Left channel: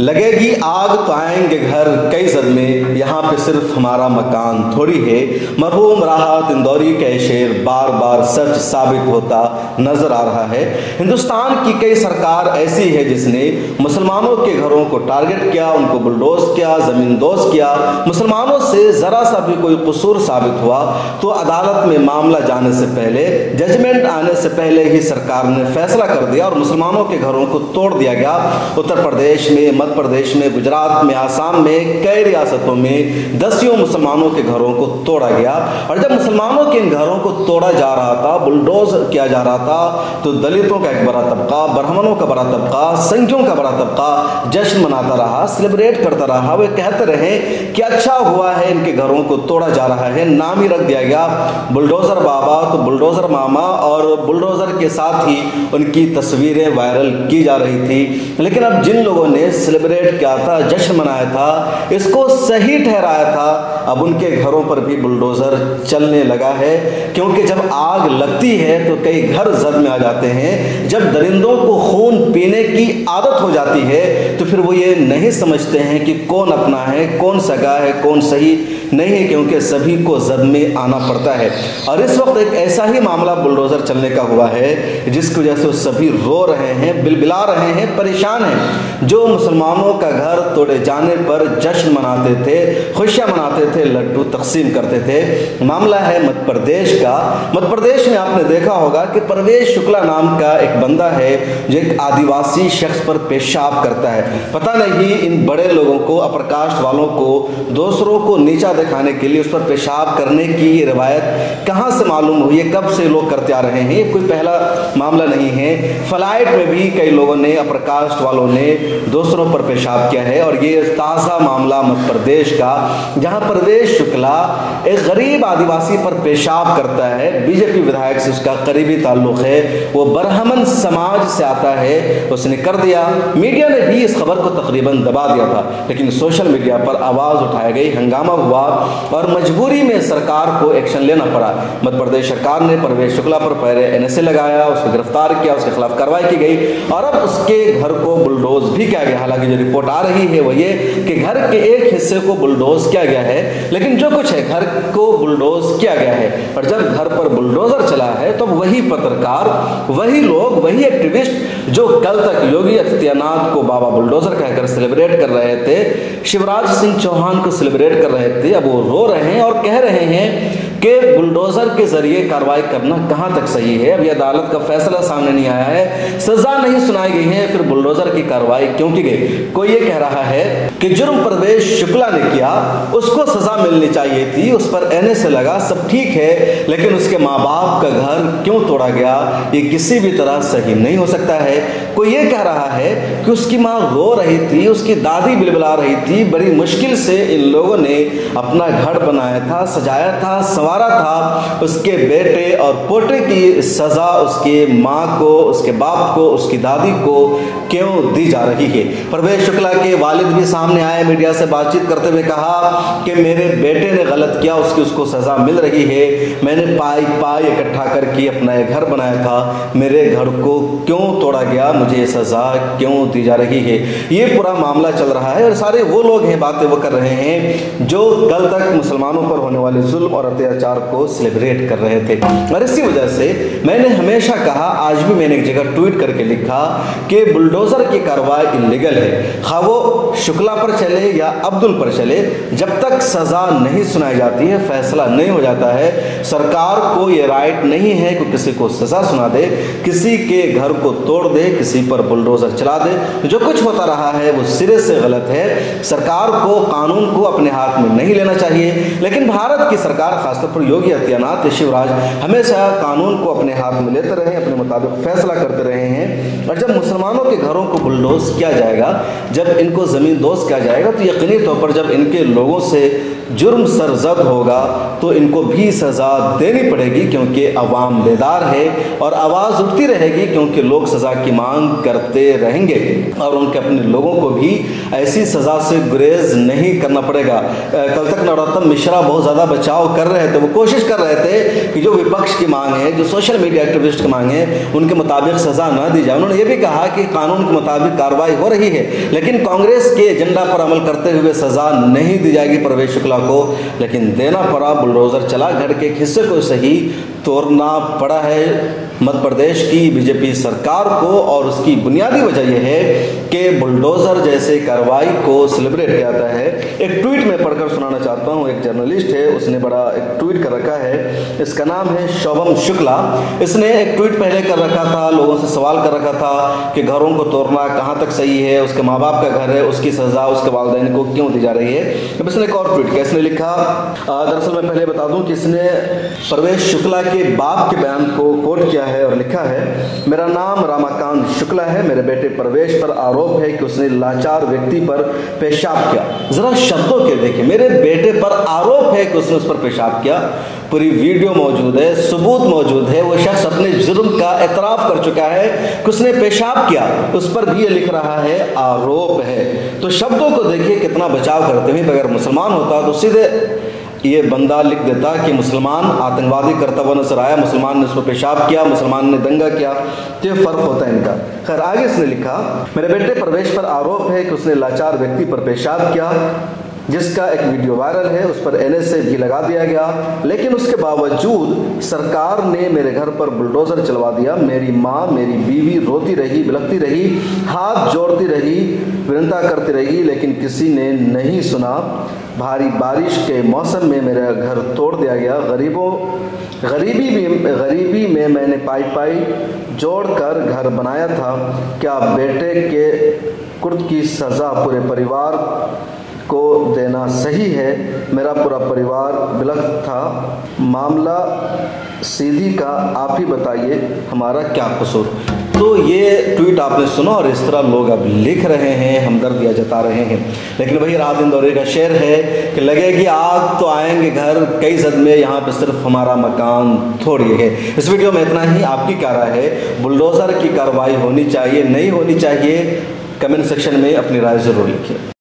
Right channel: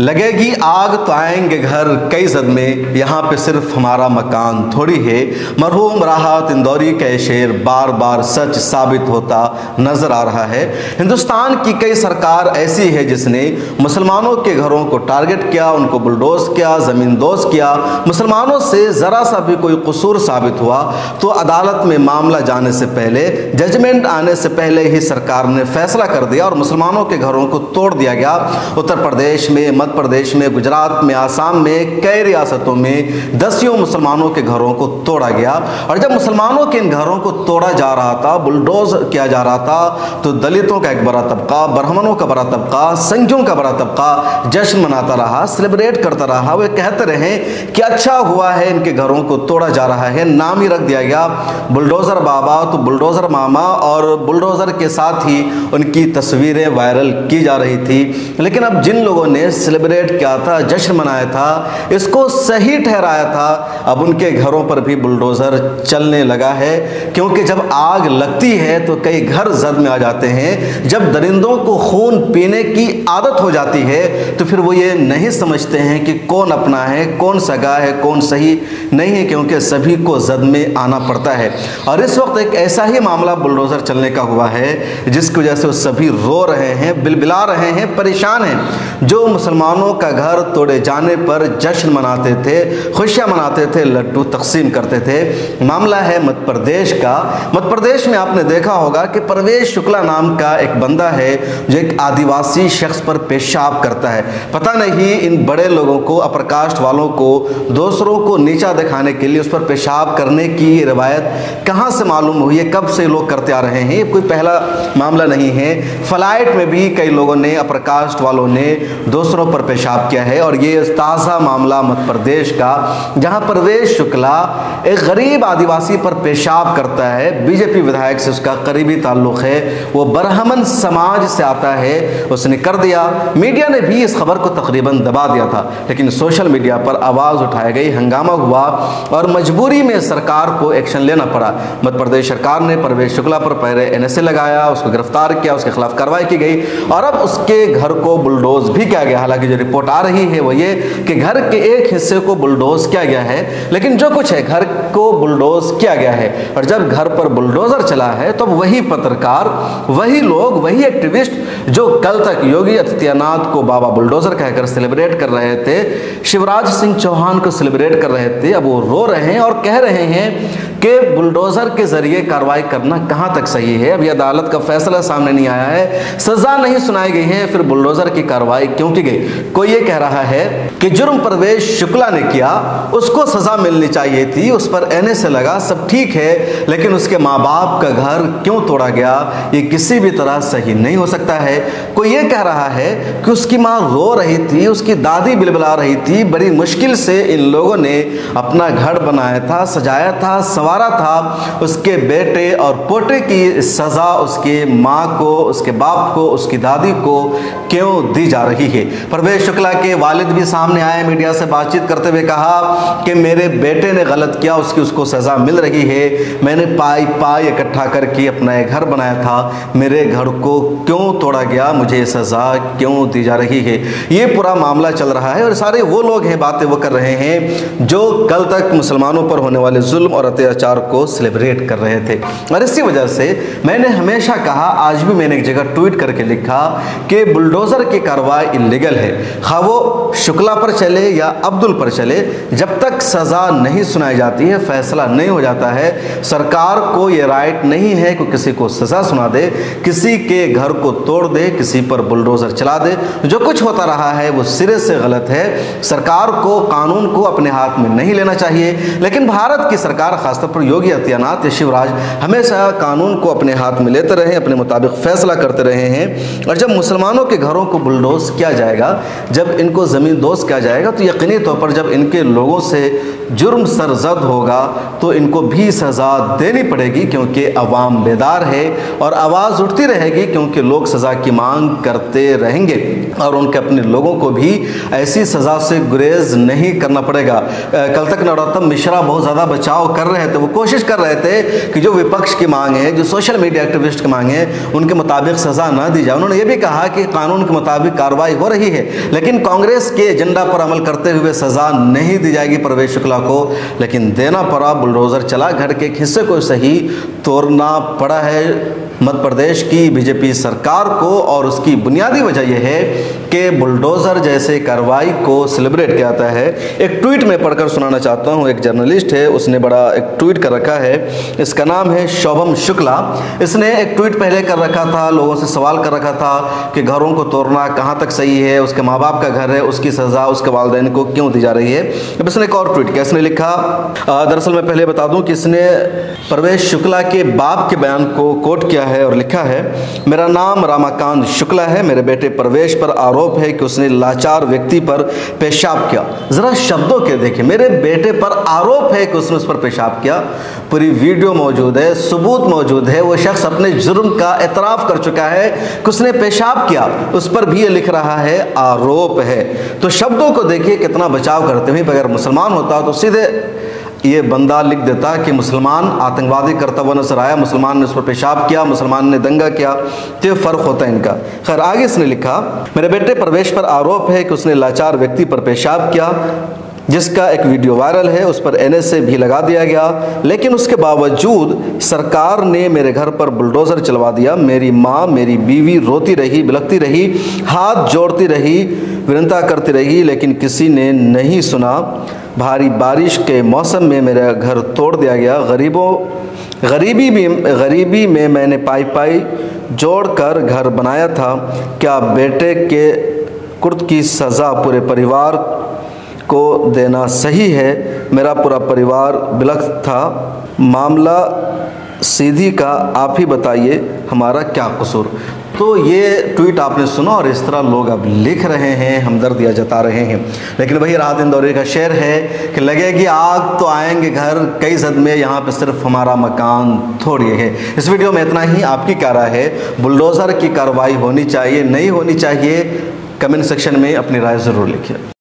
लगेगी आग तो आएंगे घर कई सदमे, यहाँ पे सिर्फ हमारा मकान थोड़ी है। मरहूम राहत इंदौरी का शेर बार बार सच साबित होता नजर आ रहा है। हिंदुस्तान की कई सरकार ऐसी है जिसने मुसलमानों के घरों को टारगेट किया, उनको बुलडोज किया, जमींदोज किया। मुसलमानों से जरा सा भी कोई कसूर साबित हुआ तो अदालत में मामला जाने से पहले, जजमेंट आने से पहले ही सरकार ने फैसला कर दिया और मुसलमानों के घरों को तोड़ दिया गया। उत्तर प्रदेश में, मध्य प्रदेश में, गुजरात में, आसाम में, कई रियासतों में दसियों मुसलमानों के घरों को तोड़ा गया। और जब मुसलमानों के इन घरों को तोड़ा जा रहा था, बुलडोज किया जा रहा था, तो दलितों का एक बड़ा तबका, ब्राह्मणों का बड़ा तबका, संघियों का बड़ा तबका जश्न मनाता रहा, सेलिब्रेट करता रहा। वे कहते रहे कि अच्छा हुआ है इनके घरों को तोड़ा जा रहा है। नाम ही रख दिया गया बुलडोजर बाबा तो बुलडोजर मामा, और बुलडोजर के साथ ही उनकी तस्वीरें वायरल की जा रही थी। लेकिन अब जिन लोगों ने सेलिब्रेट किया था, जश्न मनाया था, इसको सही ठहराया था, अब उनके घरों पर भी बुलडोजर चलने लगा है। क्योंकि जब आग लगती है तो कई घर जद में आ जाते हैं। जब दरिंदों को खून पीने की आदत हो जाती है तो फिर वो ये नहीं समझते हैं कि कौन अपना है, कौन सगा है, कौन सही नहीं है, क्योंकि सभी को जद में आना पड़ता है। और इस वक्त एक ऐसा ही मामला बुलडोजर चलने का हुआ है जिसकी वजह से वो सभी रो रहे हैं, बिलबिला रहे हैं, परेशान हैं। जो मुसलमानों का घर तोड़े जाने पर जश्न मनाते थे, खुशियां मनाते थे, लड्डू तकसीम करते थे। मामला है मध्य प्रदेश का। मध्य प्रदेश में आपने देखा होगा कि परवेश शुक्ला नाम का एक बंदा है जो एक आदिवासी शख्स पर पेशाब करता है। पता नहीं इन बड़े लोगों को, अप्रकाश वालों को, दूसरों को नीचा दिखाने के लिए उस पर पेशाब करने की ये रवायत कहाँ से मालूम हुई है, कब से लोग करते आ रहे हैं। ये कोई पहला मामला नहीं है। फ्लाइट में भी कई लोगों ने, अप्रकाश वालों ने दूसरों पर पेशाब किया है। और ये ताज़ा मामला मध्य प्रदेश का, जहां परवेश शुक्ला एक गरीब आदिवासी पर पेशाब करता है। बीजेपी विधायक से उसका करीबी ताल्लुक है, वो ब्राह्मण समाज से आता है, उसने कर दिया। मीडिया ने भी इस खबर को तकरीबन दबा दिया था, लेकिन सोशल मीडिया पर आवाज़ उठाई गई, हंगामा हुआ और मजबूरी में सरकार को एक्शन लेना पड़ा। मध्य प्रदेश सरकार ने परवेश शुक्ला पर पहले NSA लगाया, उसको गिरफ्तार किया, उसके खिलाफ कार्रवाई की गई और अब उसके घर को बुलडोज भी किया गया। हालांकि जो रिपोर्ट आ रही है वो ये कि घर के एक हिस्से को बुलडोज किया गया है, लेकिन जो कुछ है घर को बुलडोज किया गया है। और जब घर पर बुलडोजर चला है तो वही पत्रकार, वही लोग, वही एक्टिविस्ट जो कल तक योगी आदित्यनाथ को बाबा बुलडोजर कहकर सेलिब्रेट कर रहे थे, शिवराज सिंह चौहान को सेलिब्रेट कर रहे थे, अब वो रो रहे हैं और कह रहे हैं कि बुलडोजर के जरिए कार्रवाई करना कहां तक सही है। अभी अदालत का फैसला सामने नहीं आया है, सजा नहीं सुनाई गई है, फिर बुलडोजर की कार्रवाई क्यों की गई। कोई ये कह रहा है कि जुर्म परवेश शुक्ला ने किया, उसको सजा मिलनी चाहिए थी, उस पर NSA लगा, सब ठीक है, लेकिन उसके माँ बाप का घर क्यों तोड़ा गया, ये किसी भी तरह सही नहीं हो सकता है। कोई ये कह रहा है कि उसकी माँ रो रही थी, उसकी दादी बिलबिला रही थी, बड़ी मुश्किल से इन लोगों ने अपना घर बनाया था, सजाया था, संवारा था। उसके बेटे और पोते की सजा उसके माँ को, उसके बाप को, उसकी दादी को क्यों दी जा रही है। परवेश शुक्ला के वालिद भी सामने आए, मीडिया से बातचीत करते हुए कहा कि मेरे बेटे ने गलत किया, उसको सजा मिल रही है। मैंने पाई इकट्ठा करके अपना एक घर बनाया था, मेरे घर को क्यों तोड़ा गया, मुझे सजा क्यों दी जा रही है। ये पूरा मामला चल रहा है और सारे वो लोग हैं, बातें वो कर रहे हैं जो कल तक मुसलमानों पर होने वाले जुल्म और अत्याचार को सेलिब्रेट कर रहे थे। और इसी वजह से मैंने हमेशा कहा, आज भी मैंने एक जगह ट्वीट करके लिखा कि बुलडोजर की कार्रवाई इलीगल है, खा वो शुक्ला पर चले या अब्दुल पर चले, जब तक सजा नहीं सुनाई जाती है, फैसला नहीं हो जाता है, सरकार को ये राइट नहीं है कि किसी को सजा सुना दे, किसी के घर को तोड़ दे, किसी पर बुलडोजर चला दे। जो कुछ होता रहा है वो सिरे से गलत है। सरकार को कानून को अपने हाथ में नहीं लेना चाहिए, लेकिन भारत की सरकार, खासतौर पर योगी आदित्यनाथ या शिवराज, हमेशा कानून को अपने हाथ में लेते रहे, अपने मुताबिक फैसला करते रहे हैं। और जब मुसलमानों के घरों को बुलडोज किया जाएगा, जब इनको जमीन दोष किया जाएगा तो यकीनी तौर पर जब इनके लोगों से जुर्म सरजद होगा तो इनको भी सज़ा देनी पड़ेगी, क्योंकि अवाम बेदार है और आवाज़ उठती रहेगी, क्योंकि लोग सज़ा की मांग करते रहेंगे और उनके अपने लोगों को भी ऐसी सज़ा से गुरेज नहीं करना पड़ेगा। कल तक नरोत्तम मिश्रा बहुत ज़्यादा बचाव कर रहे थे, वो कोशिश कर रहे थे कि जो विपक्ष की मांग है, जो सोशल मीडिया एक्टिविस्ट की मांग है, उनके मुताबिक सज़ा ना दी जाए। उन्होंने ये भी कहा कि कानून के मुताबिक कार्रवाई हो रही है, लेकिन कांग्रेस के एजेंडा पर अमल करते हुए सज़ा नहीं दी जाएगी परवेश शुक्ला को, लेकिन देना पड़ा। बुलडोजर चला, घर के एक हिस्से को सही तोड़ना पड़ा है मध्य प्रदेश की बीजेपी सरकार को, और उसकी बुनियादी वजह यह है कि बुलडोजर जैसे कार्रवाई को सेलिब्रेट किया जाता है। एक ट्वीट में पढ़कर सुनाना चाहता हूं। एक जर्नलिस्ट है, उसने बड़ा एक ट्वीट कर रखा है, इसका नाम है शोभम शुक्ला। इसने एक ट्वीट पहले कर रखा था, लोगों से सवाल कर रखा था कि घरों को तोड़ना कहां तक सही है, उसके माँ बाप का घर है, उसकी सजा उसके वालिदैन को क्यों दी जा रही है। अब इसने एक और ट्वीट किया, इसने लिखा, दरअसल मैं पहले बता दूं कि इसने परवेश शुक्ला के बाप के बयान को कोट किया है और लिखा है, मेरा नाम रामाकांत शुक्ला है, मेरे बेटे परवेश पर आरोप है कि उसने लाचार व्यक्ति पर पेशाब किया। जरा शब्दों के देखिए, मेरे बेटे पर आरोप है कि उसने उस पर पेशाब किया। पूरी वीडियो मौजूद है, सबूत मौजूद है, वो शख्स अपने जुर्म का एतराफ कर चुका है कि उसने पेशाब किया, उस पर भी ये लिख रहा है आरोप है। तो शब्दों को देखिए कितना बचाव करते हुए। अगर मुसलमान होता तो सीधे ये बंदा लिख देता कि मुसलमान आतंकवादी करता हुआ नजर आया, मुसलमान ने उस पर पेशाब किया, मुसलमान ने दंगा किया, तो ये फर्क होता है इनका। खैर आगे इसने लिखा, मेरे बेटे परवेश पर आरोप है कि उसने लाचार व्यक्ति पर पेशाब किया, जिसका एक वीडियो वायरल है, उस पर NSA भी लगा दिया गया, लेकिन उसके बावजूद सरकार ने मेरे घर पर बुलडोजर चलवा दिया। मेरी माँ, मेरी बीवी रोती रही, बिलखती रही, हाथ जोड़ती रही, विनता करती रही, लेकिन किसी ने नहीं सुना। भारी बारिश के मौसम में मेरा घर तोड़ दिया गया। गरीबी में मैंने पाई जोड़कर घर बनाया था। क्या बेटे के कुर्द की सज़ा पूरे परिवार को देना सही है? मेरा पूरा परिवार बिलख था। मामला सीधी का आप ही बताइए, हमारा क्या कसूर। तो ये ट्वीट आपने सुना और इस तरह लोग अब लिख रहे हैं, हमदर्दियाँ जता रहे हैं। लेकिन वही रात इंदौरी का शेर है कि लगेगी आग तो आएंगे घर कई सदमे, यहाँ पे सिर्फ हमारा मकान थोड़ी है। इस वीडियो में इतना ही। आपकी क्या राय है? बुलडोजर की कार्रवाई होनी चाहिए, नहीं होनी चाहिए? कमेंट सेक्शन में अपनी राय जरूर लिखिए।